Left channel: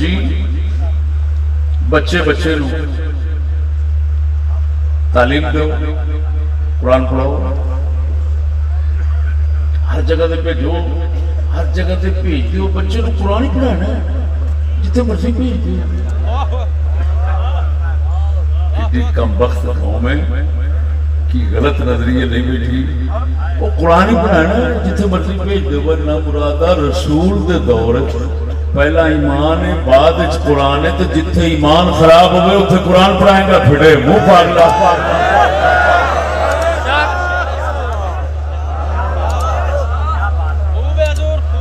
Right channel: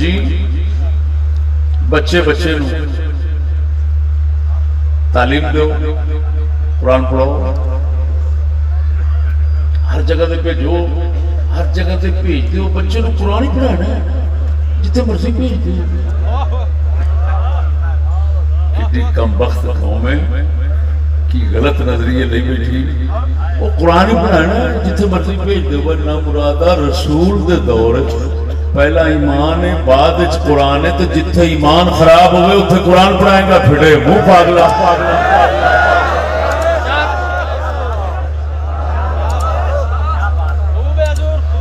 جی بچے بچے نو تعلیم دو، قرآن پڑھو، ہر جگہ تے بھیجو، ہر جگہ تے بھیج دیو، بچے نو قرآن پڑھانا ہے جتنے مرضی بھیج دیو۔ کتنی کم بخت قوم ہے کی غلط نظریے لے بیٹھی، وہ قرآن پڑھانا ہے جتنے مرضی بھیج دو۔ ورنہ مرادہ رسول دے دور پہلا ایمان ہے، بعد قرآن ہے، تو جتنے ایمان خراب ہوئے اتنے قرآن پڑھائے گا پھڑے منہ پاگلا۔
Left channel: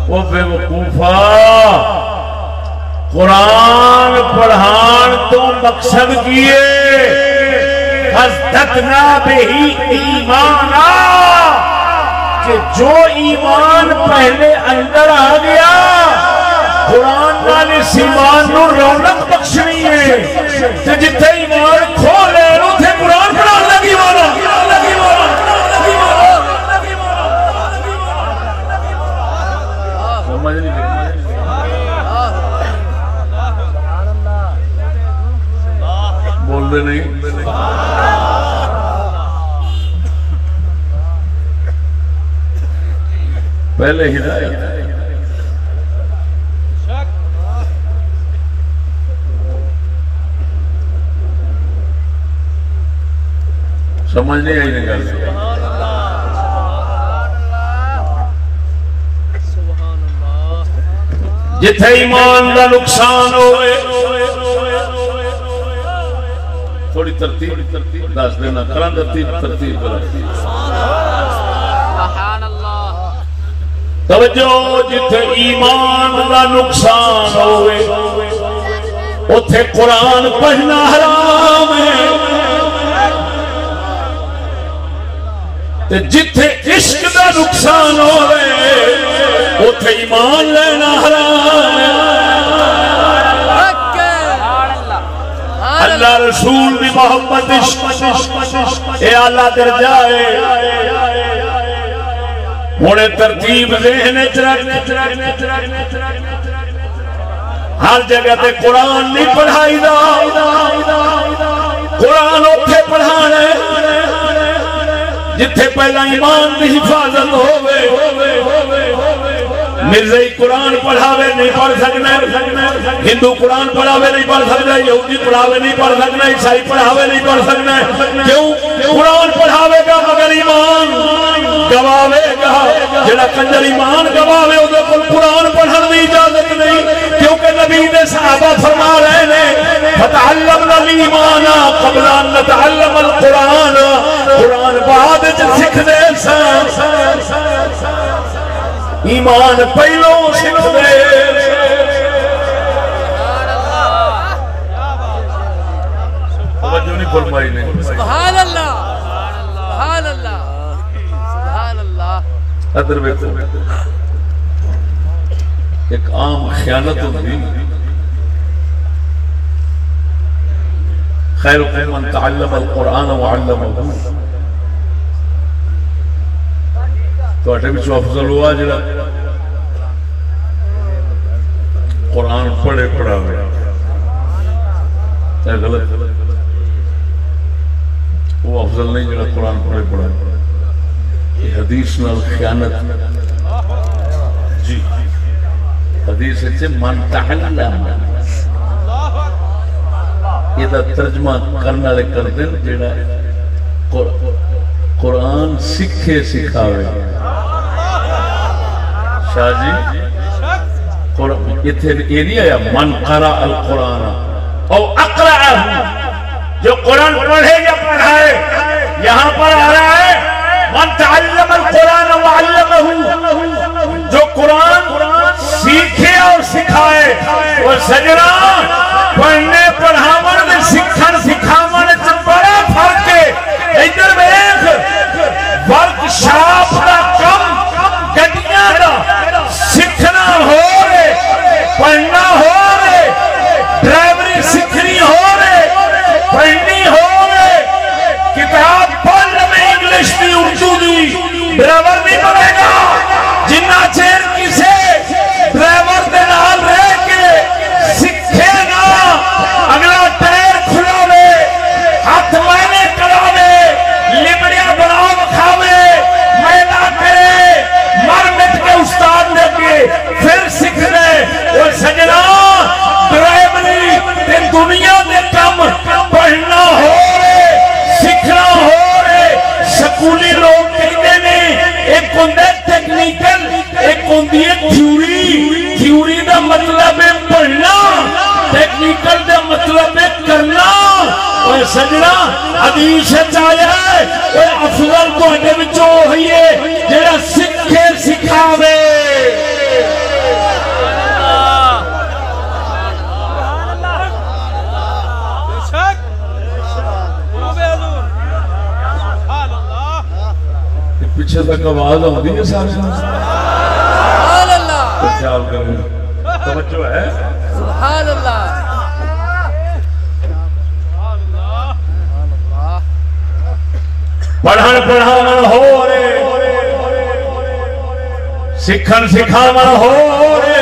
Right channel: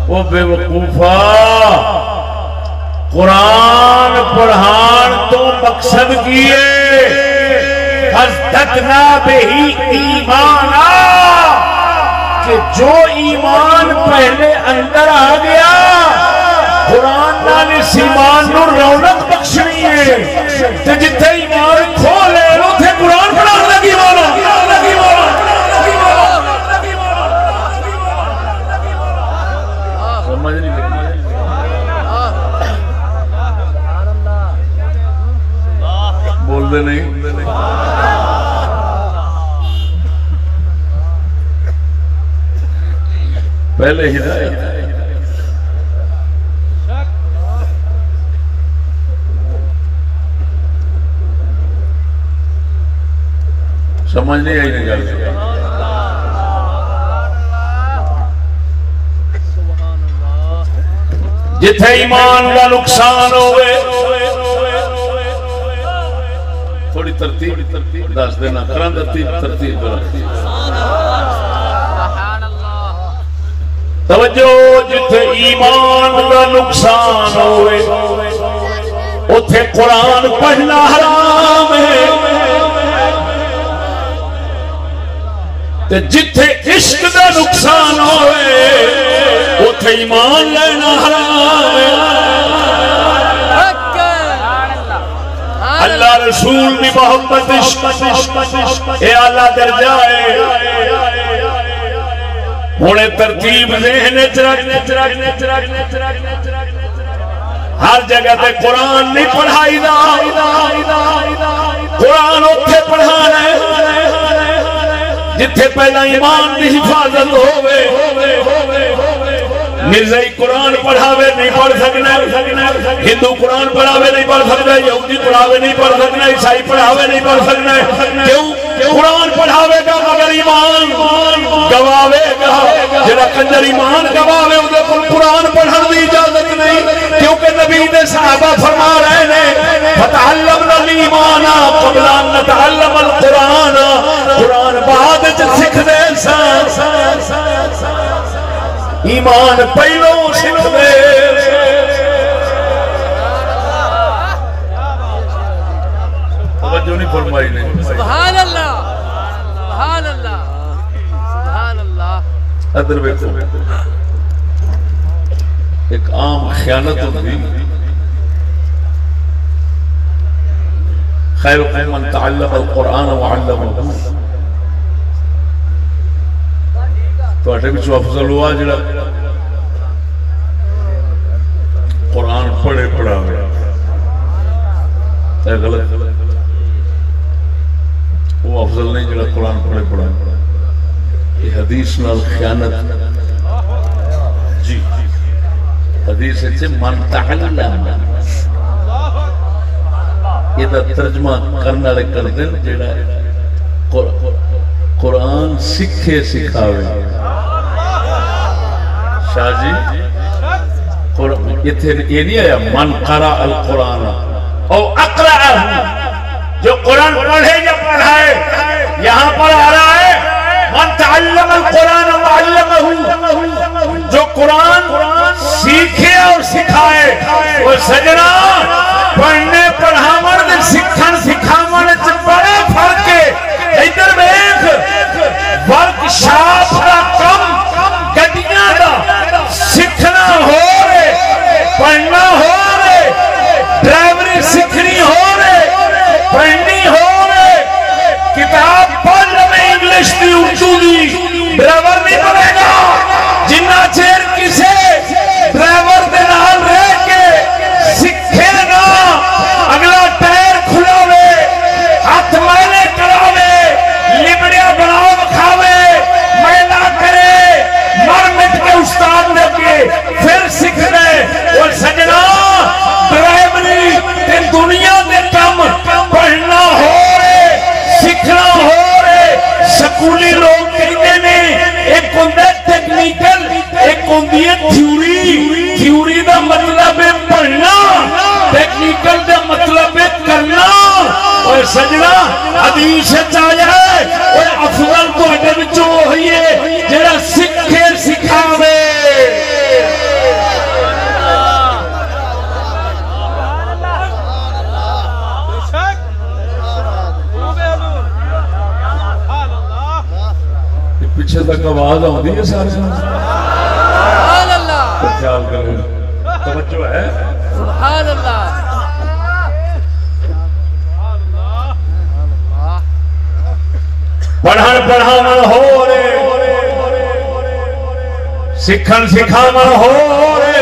وہ بے وقوفا، قرآن پڑھان تو مقصد کیے حضرتنا بہی ایمانا، کہ جو ایمان پہلے اندر آ گیا قرآن نال اس ایمان نو رونق بخشنی ہے، تے جتھے ایمان کھولے اوتھے قرآن پڑھان لگی ہونا۔ سمجھ نہیں لگی؟ بول دے نہیں؟ پہلے ہدایت سمجھ نہیں آئی نہیں گل۔ جتھے ایمان دا نقصان ہوئے، تھوڑی ترتیب دس دینا، کرن ترتیب توجہ، جتھے ایمان دا نقصان ہوئے اتھے قرآن پڑھنا حرام ہے، جتھے عشق دا نقصان ہوئے اتھے ایمان لینا حرام ہے۔ اللہ رسول دی محبت عشق اے اعلیٰ درجہ ہے۔ ہونے ترتیب ذہن ہر جگہ تے قرآن نہیں پڑھائی دا، قرآن اتھے پڑھانا ہے جتھے پہلا ایمان دی حفاظت ہوئے۔ مرزائی قرآن پڑھاوے نہیں پڑھ سکنا، ہندو قرآن پڑھاوے نہیں پڑھ سکنا، یہودی پڑھاوے نہیں پڑھ سکنا، عیسائی پڑھاوے نہیں پڑھ سکنا۔ کیوں؟ قرآن پڑھاوے گا مگر ایمان گواوے گا، جڑا کنجر ایمان گواوے اودے کول قرآن پڑھن دی اجازت نہیں، کیونکہ نبی دے صحابہ فرما رہے نے فتعلمنا الایمان قبل ان نتعلم القرآن، قرآن بعد وچ سکھ دے سن، ایمان پہلو سکھ دے۔ توجہ نہیں فرمائی نہیں؟ سبحان اللہ، سبحان اللہ، سبحان اللہ۔ ادھر بیٹھو، ایک عام خیانت ہوئی، خیرکم من تعلم القرآن وعلمہ، تو اٹھے بچو افضل ہوا جڑا قرآن پڑھے پڑھا ہوئے، اے غلط، وہ افضل نہیں جڑا قرآن پڑھے پڑھا ہوئے۔ یہ حدیث نال خیانت، جی حدیث سے من تعلم، یہ دا ترجمہ کرنا لے کر دیں جڑا قرآن سکھے سکھاوے۔ شاہ جی یہ نہیں آیا من قرأ القرآن او اقرأہ، جو قرآن پڑھے یا پڑھائے، یہاں پر آ رہا ہے من تعلم القرآن وعلمہ، جو قرآن سیکھے اور سکھائے۔ اور سجنا پڑھنے پڑھاون سکھن سکھاون وچ بڑا فرق ہے۔ ادھر دیکھ، ورک شاپ دا کم گڈیاں دا سیکھنا ہو رہے، پڑھنا ہو رہے، ڈرائیوری سیکھنی ہو رہے، پڑھنی ہو رہے، کتاب پڑھ رہے انگلش دی اردو دی، برابر نہیں پڑے گا جنہ چیر کسے ڈرائیور دے نال رہ کے سکھ تھیوری دا مطلب ہے پڑھنا، ٹیکنیکل دا مطلب ہے کرنا۔ اور سجنا حدیث آیا ہے افضل تواڈے وچوں وہی ہے جڑا سکھے سکھاوے۔ پیچھے تک آواز آتی ہے سارے سبحان اللہ، خیال کرو توجہ ہے سبحان اللہ، پڑھن پڑھانا ہو رے، سکھن سکھانا ہو رے،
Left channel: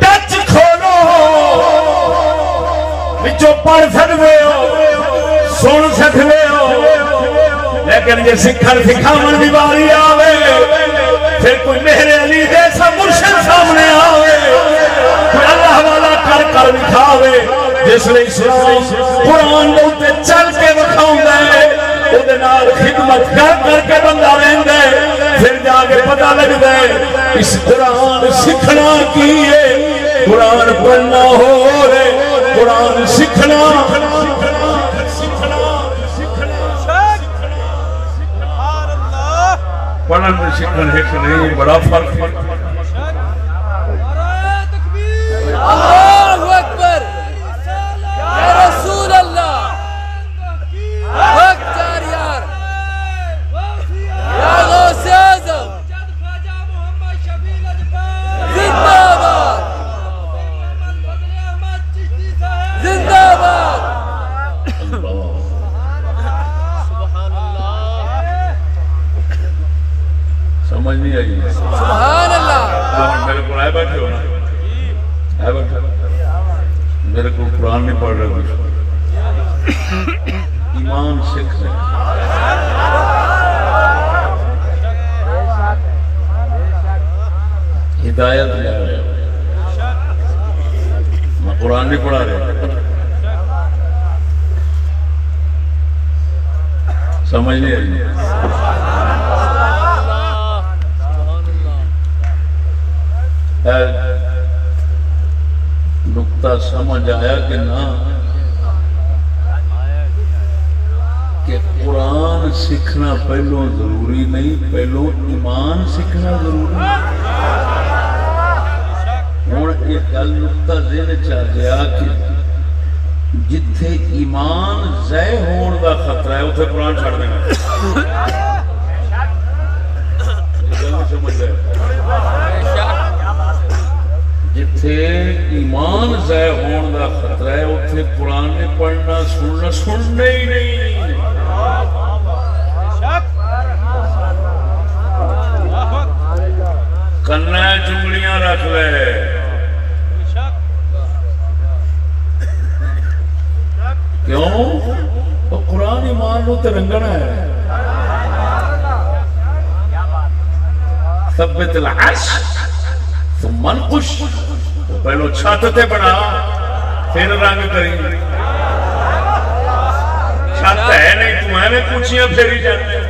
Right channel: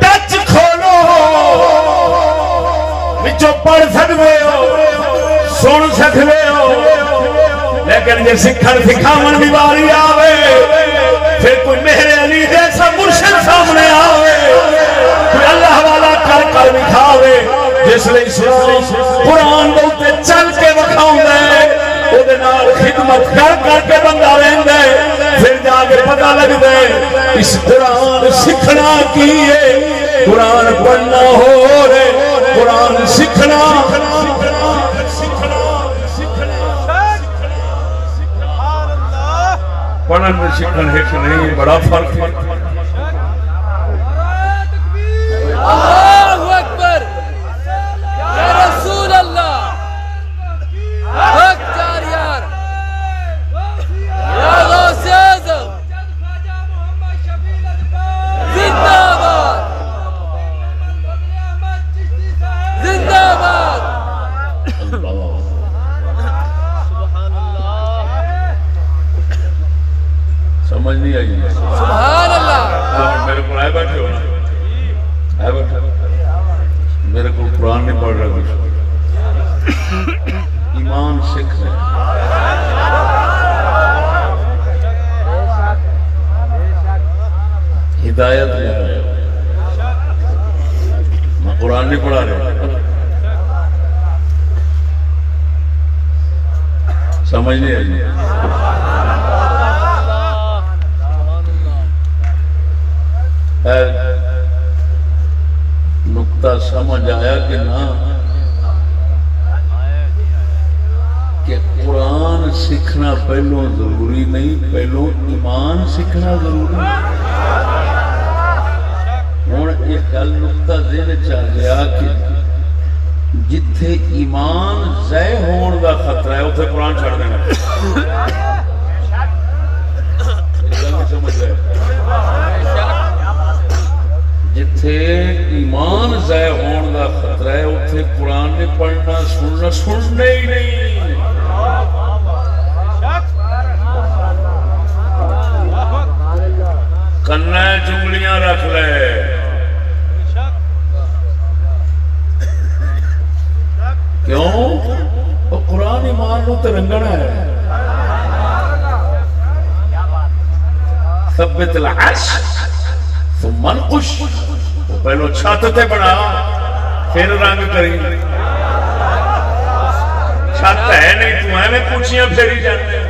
ٹچ کھولو وچوں پڑھ سکتے ہو سن سکتے ہو، لیکن یہ سکھن سکھاون دی باری آوے پھر کوئی میرے علی جیسا مرشد سامنے آوے کوئی اللہ والا کر کر دکھاوے جس لئے اسلام قرآن دے چل کے وکھاوندا ہے او دے نال خدمت کر کر کے بندہ رہندا ہے، پھر جا کے پتہ لگدا ہے اس قرآن سیکھنا کی ہے، قرآن پڑھنا ہو رے، قرآن سیکھنا پڑھن میں سیکھن ہے کہ نہیں بڑا فرق ہے۔ اللہ اکبر یا رسول اللہ، حق جار یار یا غوث اعظم، زندہ باد زندہ باد۔ سمجھ نہیں آئی سبحان اللہ۔ میرے کو آئے بیٹھے ہو نا، آئے بیٹھے میرے کو قرآن نہیں پڑھ رہا کچھ ایمان سکھ ہے، ہدایت لے رہے میں قرآن نہیں پڑھا رہا، سمجھ نہیں آئی نقطہ سمجھ آیا کہ نہ کہ قرآن سیکھنا پہلو ضروری نہیں، پہلو ایمان سیکھنا ضروری ہے۔ ہوں یہ گل نقطہ ذہن چل گیا کہ جتھے ایمان ضائع ہون دا خطرہ ہے اتنے قرآن چھڑ دینا، سمجھ گئے؟ جتھے ایمان ضائع ہون دا خطرہ ہے اتنے قرآن نہیں پڑھنا، سننا سننے ہی نہیں۔ کنا چنگلیاں رکھ لے، کیوں؟ وہ قرآن ایمان نو تے رنگنا ہے۔ ثبت العرش ثم انقش، وہ پہلو چھت تے بنا پھر رنگ کری، چھت ہے نہیں تو ہے میں پوچھیاں پھیری جاتے۔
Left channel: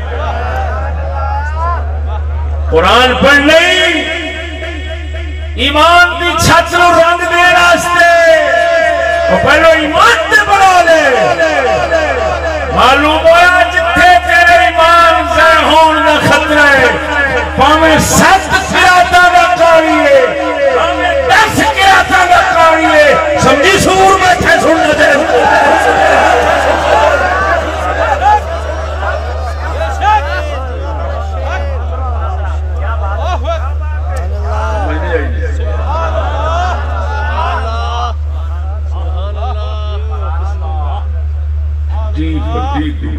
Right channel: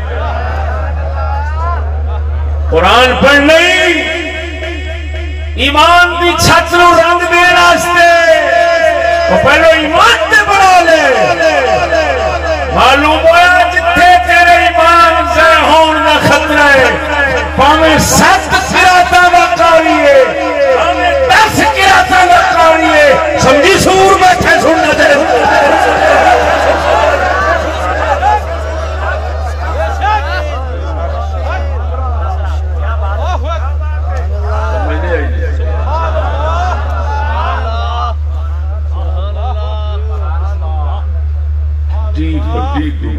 قرآن پڑھ نہیں ایمان دی چھت نو رنگ دے راستے، وہ پہلو ایمان تے بنا لے۔ معلوم ہوا جتھے تیرے ایمان ضائع ہون دا خطرہ ہے، پاویں 7 قراتاں دا قاری ہے، پاویں 10 قراتاں دا قاری ہے، سمجھی سور بیٹھے سننا چاہیے۔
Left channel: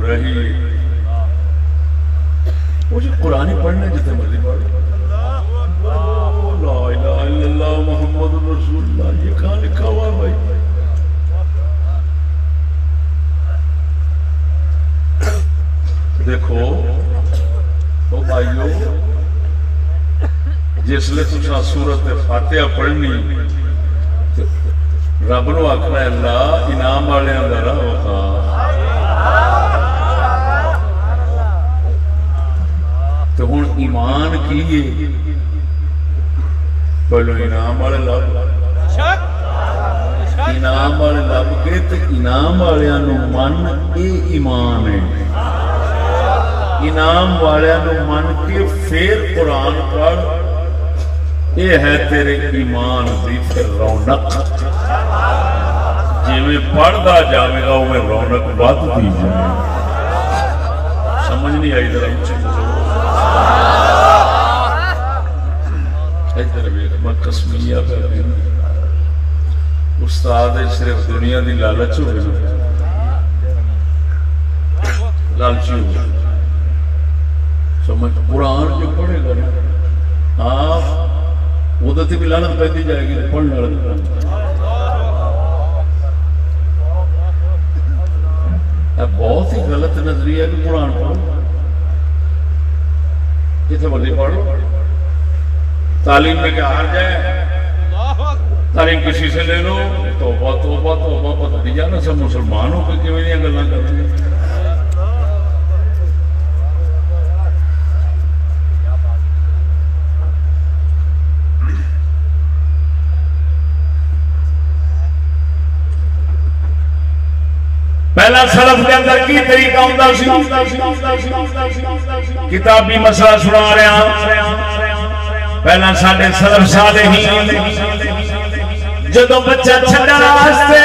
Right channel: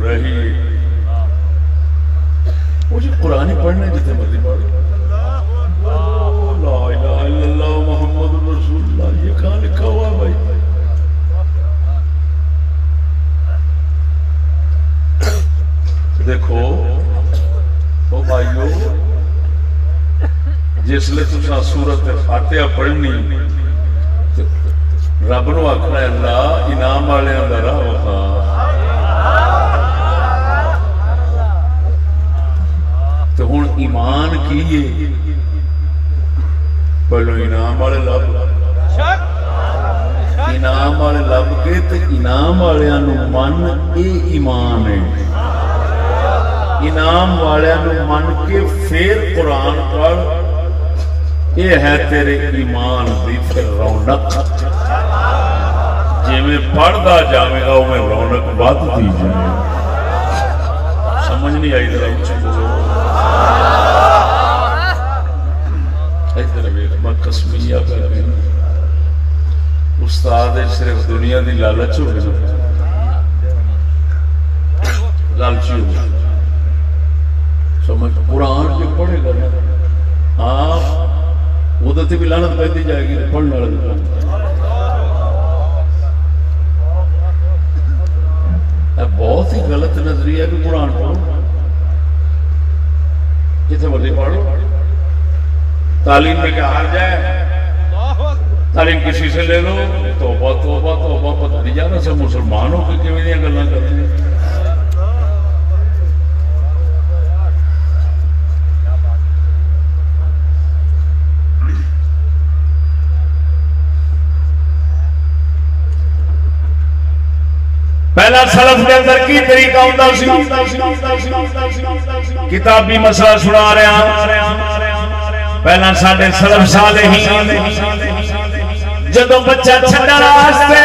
رہی مجھے قرآن پڑھنا جتنے مرضی پڑھ، لا الہ الا اللہ محمد رسول اللہ، یہ کہاں لکھا ہوا بھائی؟ دیکھو او بھائیو، جس لئے تساں سورت فاتحہ پڑھنی رب نو آکھنا ہے اللہ انعام والے اندر راہ وکھا، تو ہن ایمان کی پہلو انعام والے لب انعام والے لب کے تے انعام والوں نو من اے ایمان ہے انعام والوں نو من کے پھر قرآن پڑھ یہ ہے تیرے ایمان دی پھر رونق جی میں پڑھدا جاوے گا وہ رونق ودھدی جائے سمجھ نہیں آئی ذرا اونچی بولو ادھر ویکھ میں قسمیہ کر رہی ہوں استاد صرف دنیا دی لالچ ہو گئی لالچی ہو گئی سمجھ قرآن جو پڑھے گا آپ وہ تو بھی لعنت پہ دی جائے گی پڑھنا بہت ہی غلط نظریہ ہے کہ قرآن پڑھو جتنے مرضی پڑھو تعلیم میں کیا ہار جائے تعلیم کسی سے لے لو توبہ توبہ توبہ پتہ دی جانا سب مسلمانوں کی کیوں نہیں گلیں کرتے ہیں پہلا سلف کے اندر کی طریقہ ہوتا سی کتابی مسئلہ سنا رہا پہلا ساڈے سلف صالحین جدوں بچہ چھڈن واسطے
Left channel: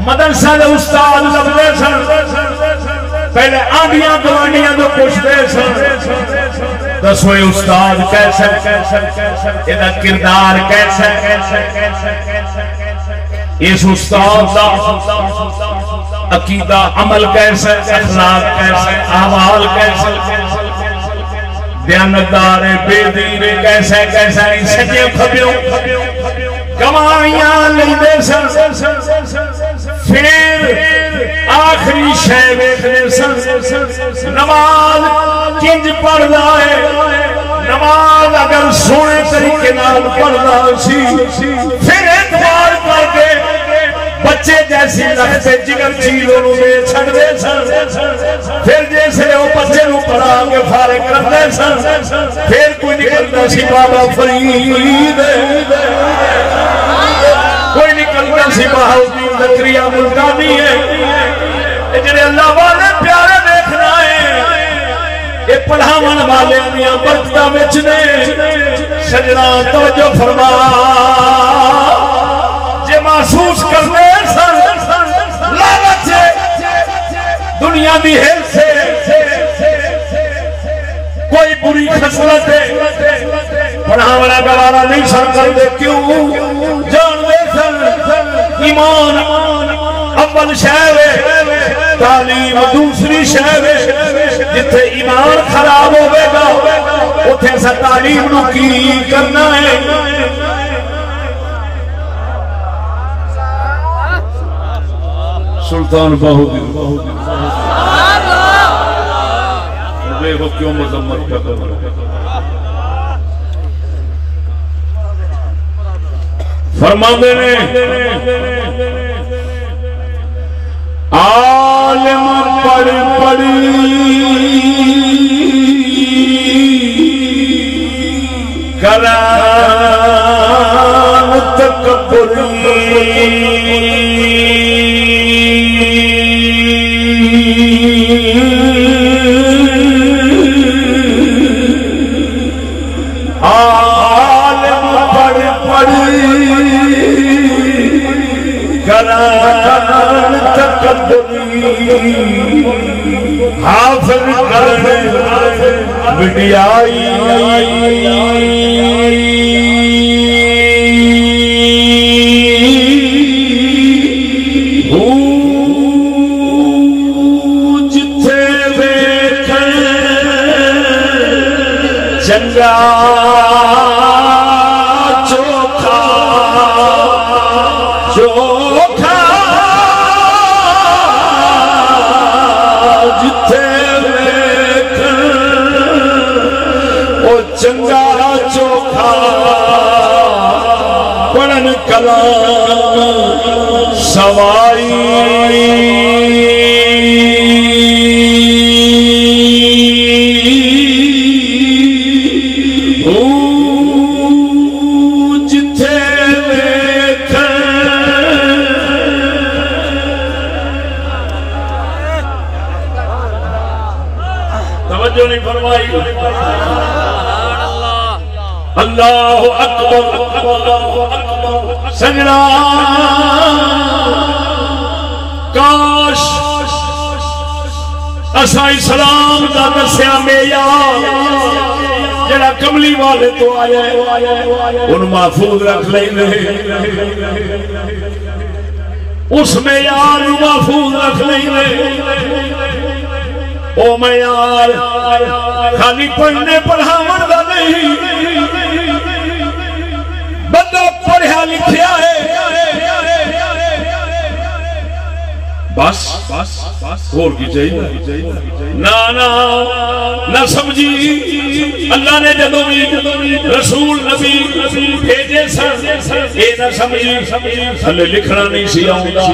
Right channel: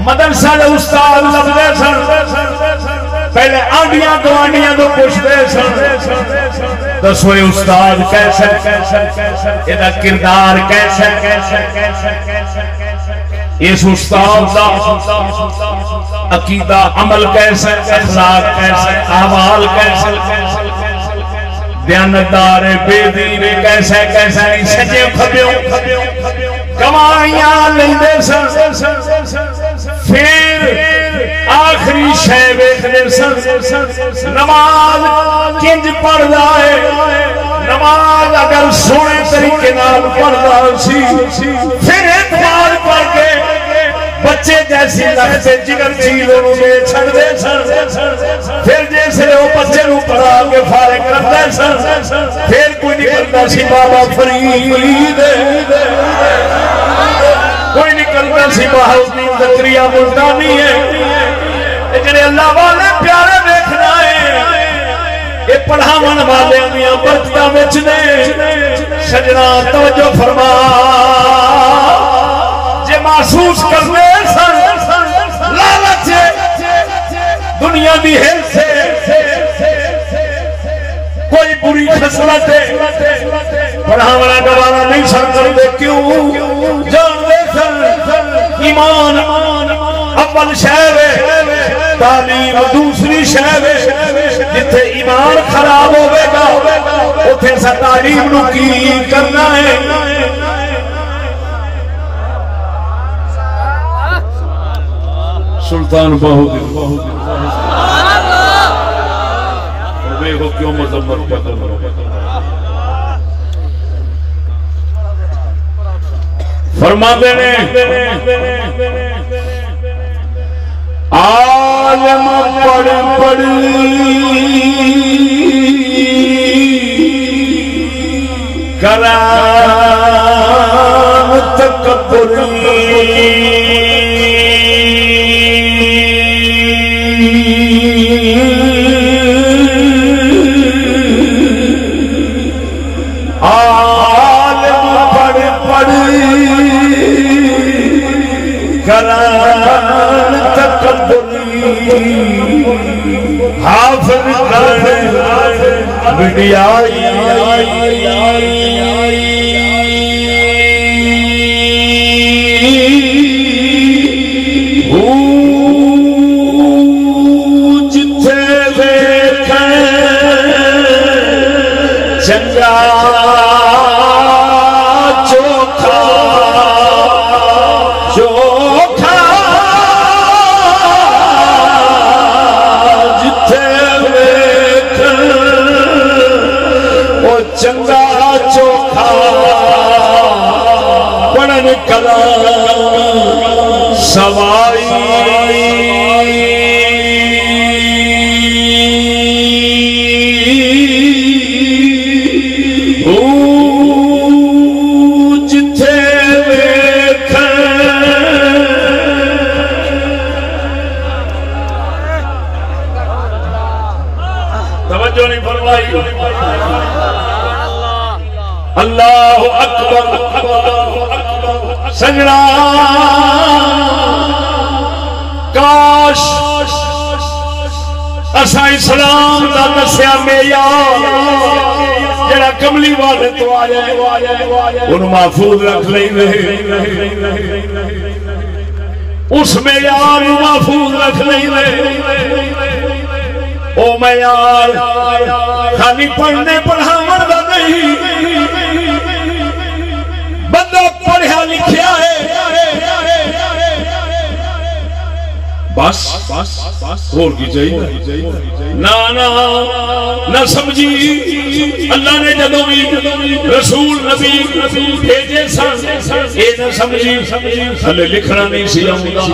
مدرسہ دے استاد لبدے سن پہلے آنڈیاں گوانڈیاں تو پوچھتے سن دسو استاد کیسا یہ کردار کیسا اس استاد دا عقیدہ عمل کیسا اخلاق کیسا اعمال کیسا دیانتدار بے دین کیسا کیسا سجے کھبیو کمائیاں لیندے سن پھر آخری شے ویکھدے سن نماز کنج پڑھدا ہے نماز اگر سونے طریقے نال پڑھدا سی پھر اعتبار کر کے بچے جیسی لگتے جگر چیزوں میں چھڑ دے سن پھر جیسے وہ بچے نو پڑھا کے فارغ کرتے سن پھر کوئی نکلتا سی بابا فرید کوئی نکلتا سی بہاؤدین زکریا ملتانی ہے جڑے اللہ والے پیارے دیکھنا ہے یہ پڑھاون والے میاں برکتاں وچ نے سجنا توجہ فرما جے محسوس کرنے لالچ دنیا دی ہرس کوئی بری خصلت پڑھاونا گوارا نہیں سن کرتے کیوں جانتے سن ایمان اول شے تعلیم دوسری شے جتھے ایمان خراب ہوے گا اوتھے سا تعلیم نو کی کرنا ہے سلطان باہو دیکھو کیوں مذمت کا فرماتے ہیں عالم پڑھ پڑھ کلام تکبری حافظ بڑیائی جتھے دیکھیں چنگا چوکھا چوکھا چنگا چوکھا پڑھن کلام سوائی اللہ اکبر سجنا کاش اسا اسلام دا دسیا معیار جڑا کملی والے تو آیا ان محفوظ رکھ لیں اس معیار محفوظ رکھ لیں او معیار خالی پڑھنے پڑھاون دا نہیں بندہ پڑھیا لکھیا ہے بس اور کی چاہیے نہ سمجھی اللہ نے جدوں بھی رسول نبی بھیجے سن یہ نہ سمجھی تھلے لکھنا نہیں سی آؤندا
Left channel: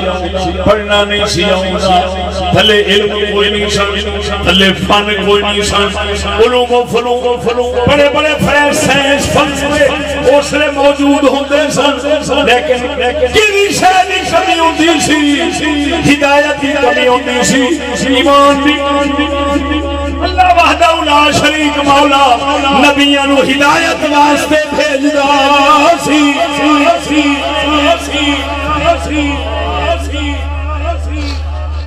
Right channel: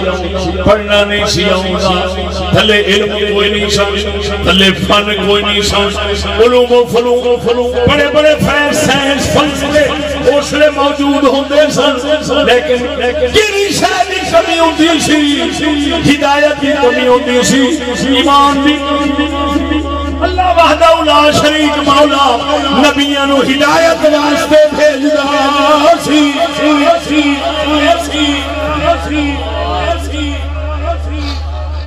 پڑھنا نہیں سی آؤندا تھلے علم کوئی نہیں سن تھلے فن کوئی نہیں سن علوم و فنون بڑے بڑے سائنس فن اس لیے موجود ہوندے سن لیکن کسی شے دی کمی ہوندی سی ہدایت کی کمی ہوتی سی ایمان کی اللہ وحدہ لا شریک مولا نبیوں نو ہدایت واسطے بھیجدا سی